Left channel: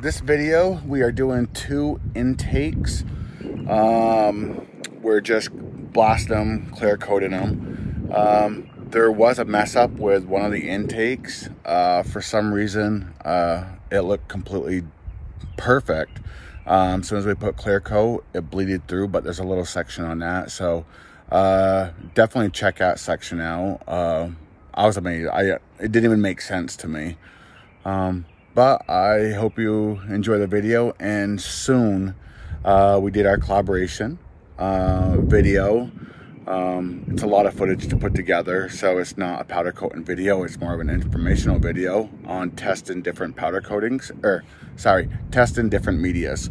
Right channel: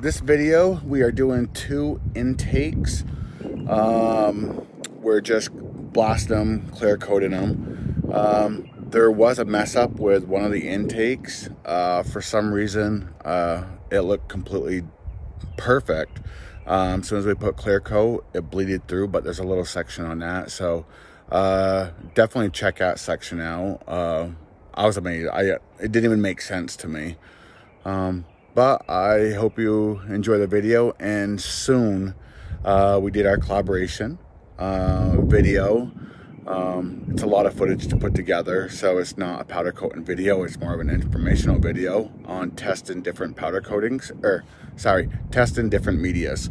this video, we are doing 2 intakes. We're just blasting them, clear coating them. There was a mess up with one of the intakes. For some reason, it looked completely perfect. As soon as we put clear coat, it bleeded through, but there's a little section on that. So definitely check that section out. I was amazed. It didn't even make sense to me. But I hope you enjoy the video. And soon we did our collaboration video. It's a lot of footage to put together, so it's not a powder coating video. It's more of an informational video on testing different powder coatings, testing different medias.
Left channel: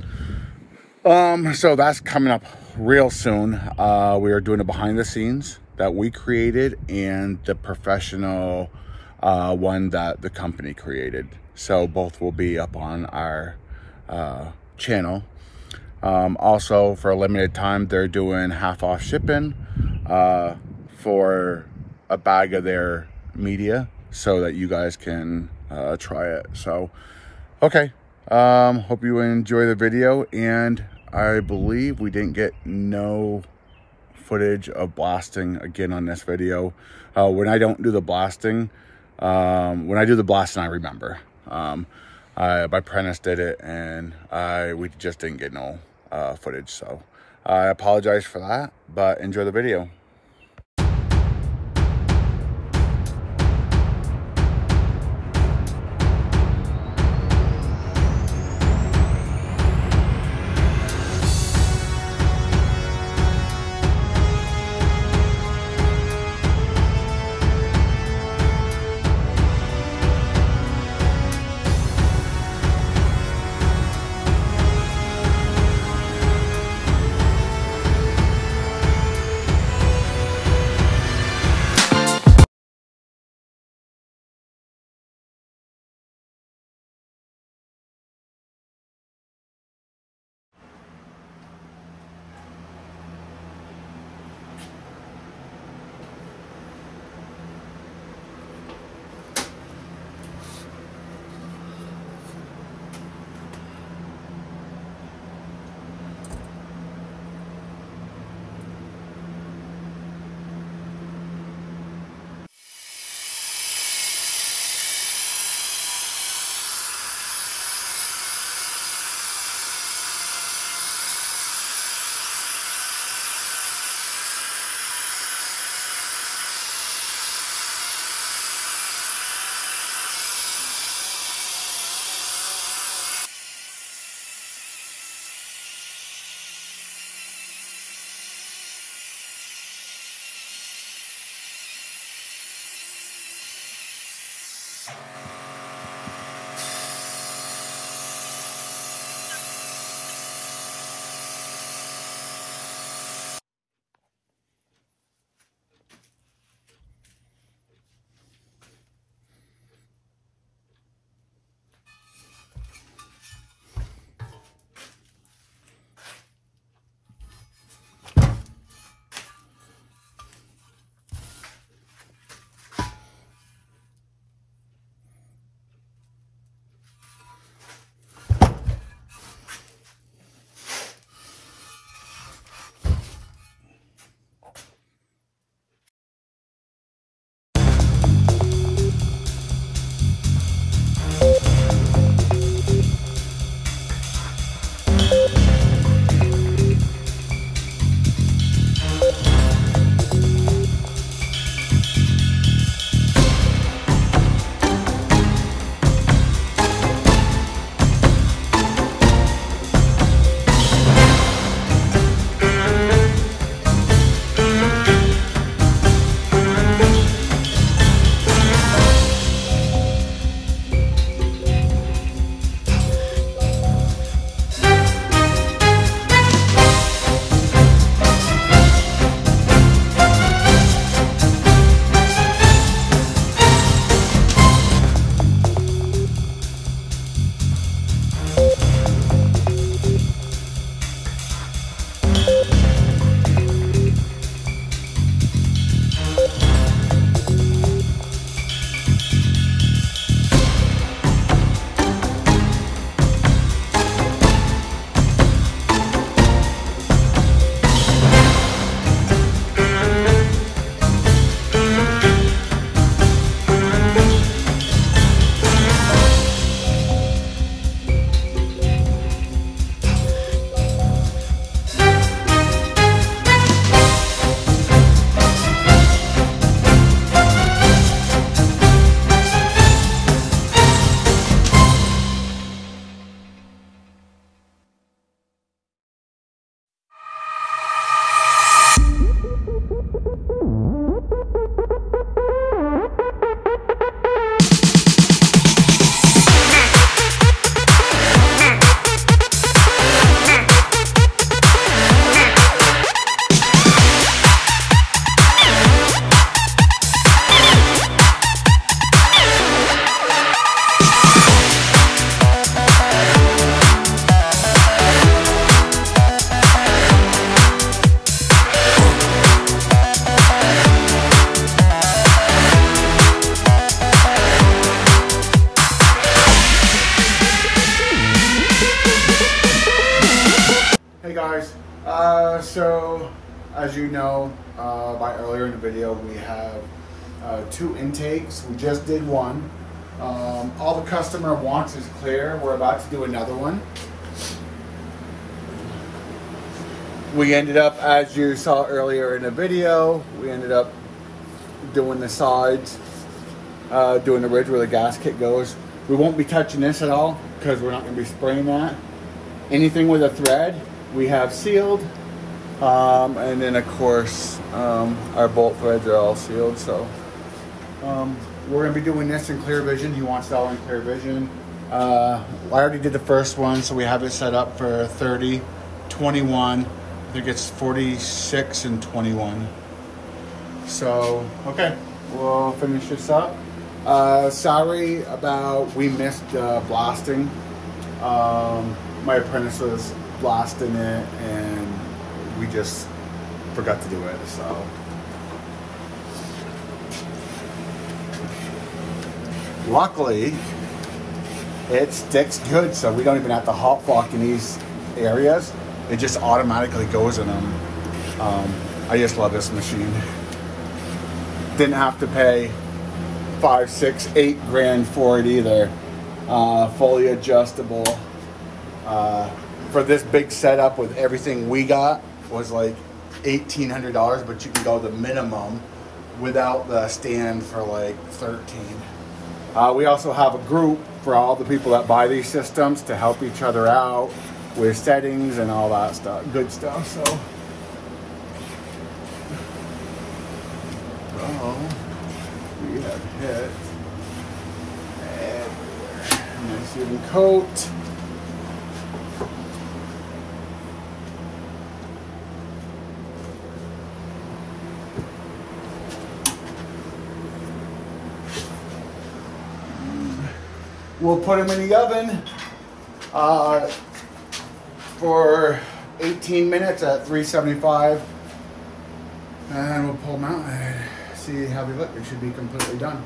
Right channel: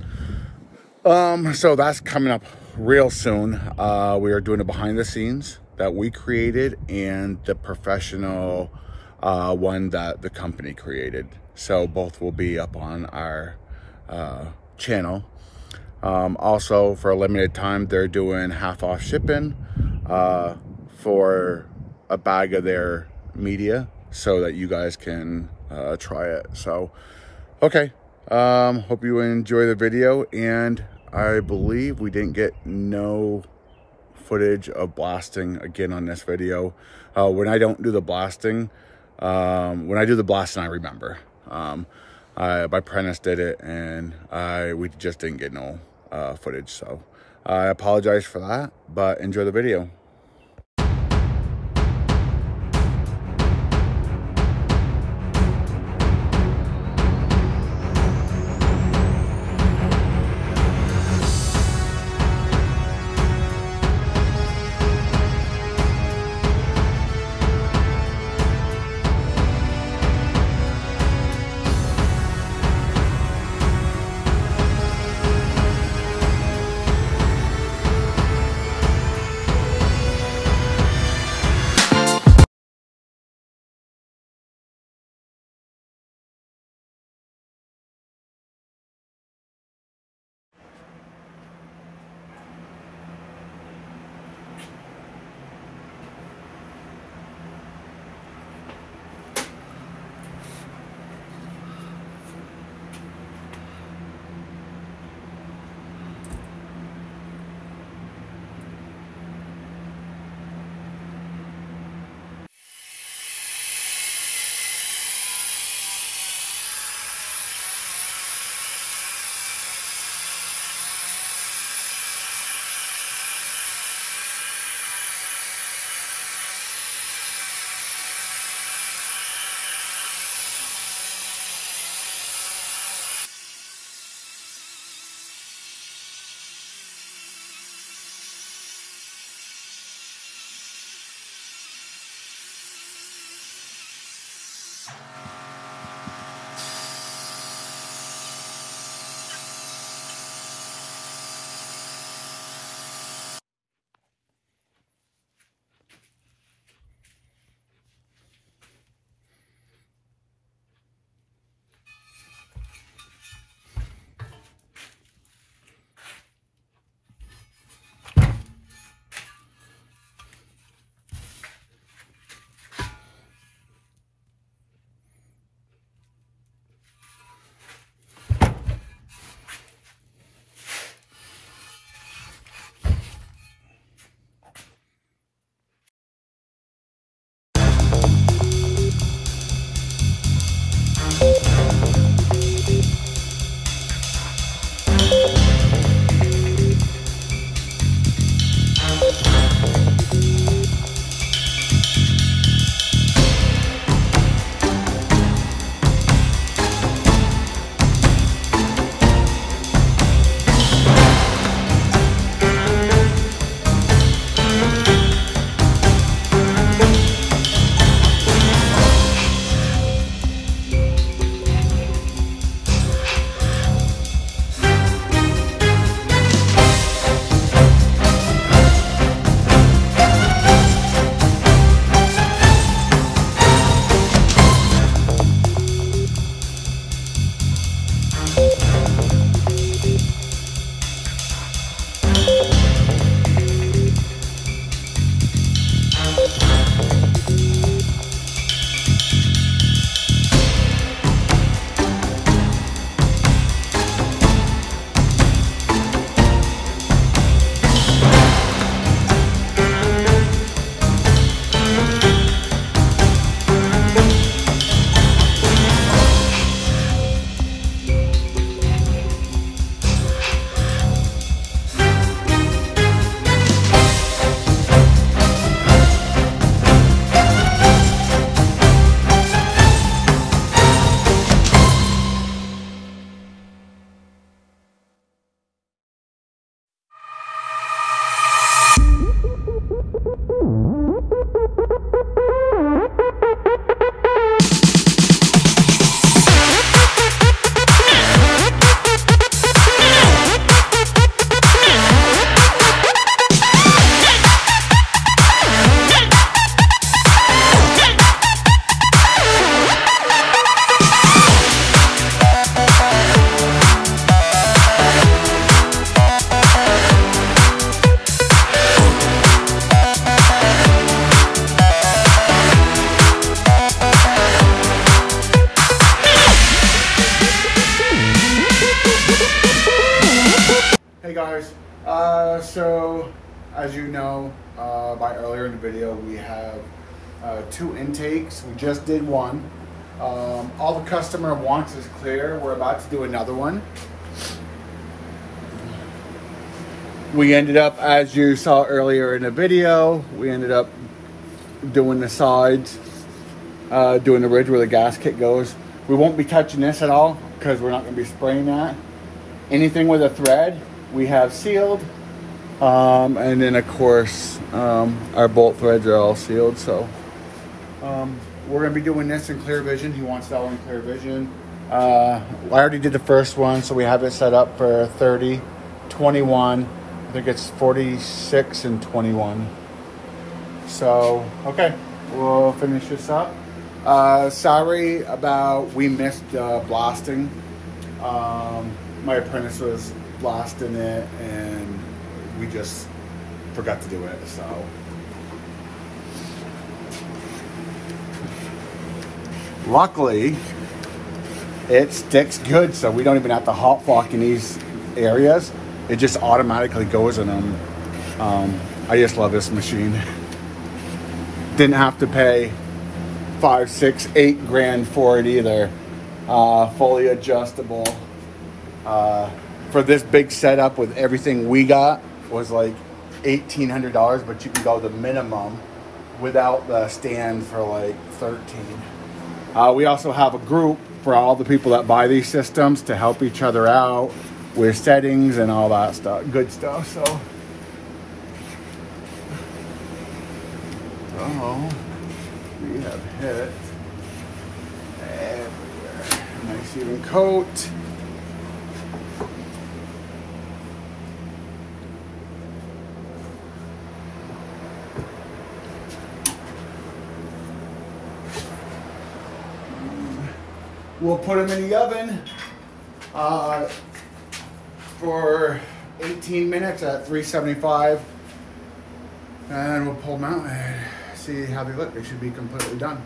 So that's coming up real soon. We are doing a behind the scenes that we created and the professional one that the company created. So both will be up on our channel. Also, for a limited time, they're doing half off shipping for a bag of their media so that you guys can try it. So, okay. Hope you enjoy the video. And I believe we didn't get no footage of blasting again on this video. When I don't do the blasting, when I do the blasting, I remember. My apprentice did it, and we just didn't get no footage. So I apologize for that, but enjoy the video. So as you know, by earlier in the video, we have 2 intakes. We just did one. All the customer wants is clear. We're about to do another one. We ended up, as you saw earlier in the video, we ended up doing the sides, doing the ridge where the gasket goes. We won't be touching this at all because we're not going to be spraying that. Anything with a thread we have sealed, and then of course our bolt threads are all sealed. So we're going to be doing this in clear vision. He wants it all in clear vision. I already did the first one, so we have it set up for 30, 21. I think it's 46 and 21. So okay, we'll finish this up. Sorry about we missed blasting. My apprentice was blasting it and we just forgot to do it, so. Luckily, it sticks good, so we don't even have to hot block in these areas. It just automatically goes in, and I just love this machine. Didn't have to pay 5, 6, 8 grand for it either. Fully adjustable. For this big setup with everything we got was like $1,800, but you can go the minimum without the stand for like 13. We also have a group for all the people that buy these systems to help each other out with settings and all that stuff, good stuff. So we have hit a nice even coat. We'll put them in the oven for 18 minutes at 375, and we'll pull them out and see how they look. They should be completely done.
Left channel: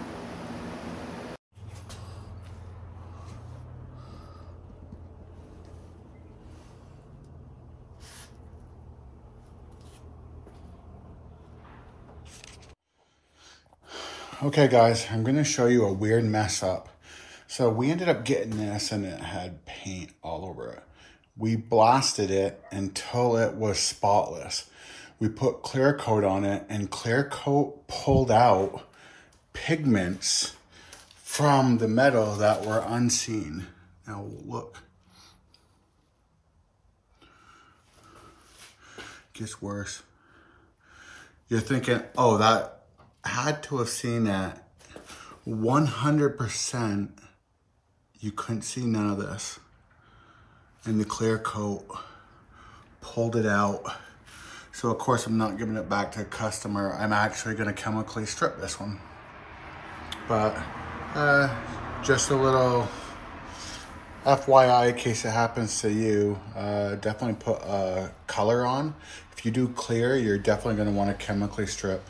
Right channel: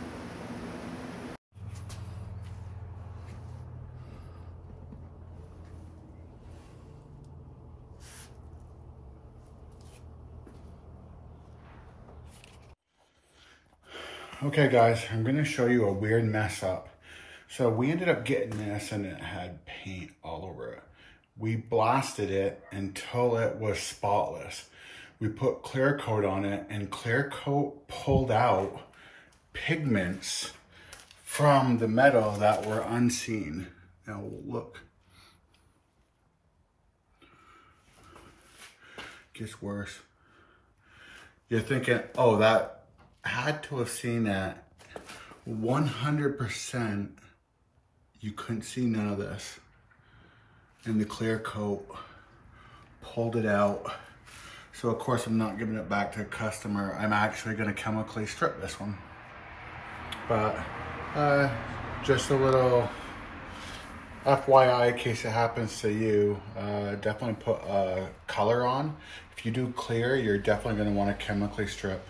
Okay guys, I'm gonna show you a weird mess up. So we ended up getting this and it had paint all over it. We blasted it until it was spotless. We put clear coat on it, and clear coat pulled out pigments from the metal that were unseen. Now look. Gets worse. You're thinking, oh, that had to have seen that. 100%. You couldn't see none of this. And the clear coat pulled it out. So of course I'm not giving it back to a customer. I'm actually gonna chemically strip this one. But just a little FYI in case it happens to you, definitely put a color on. If you do clear, you're definitely gonna wanna chemically strip.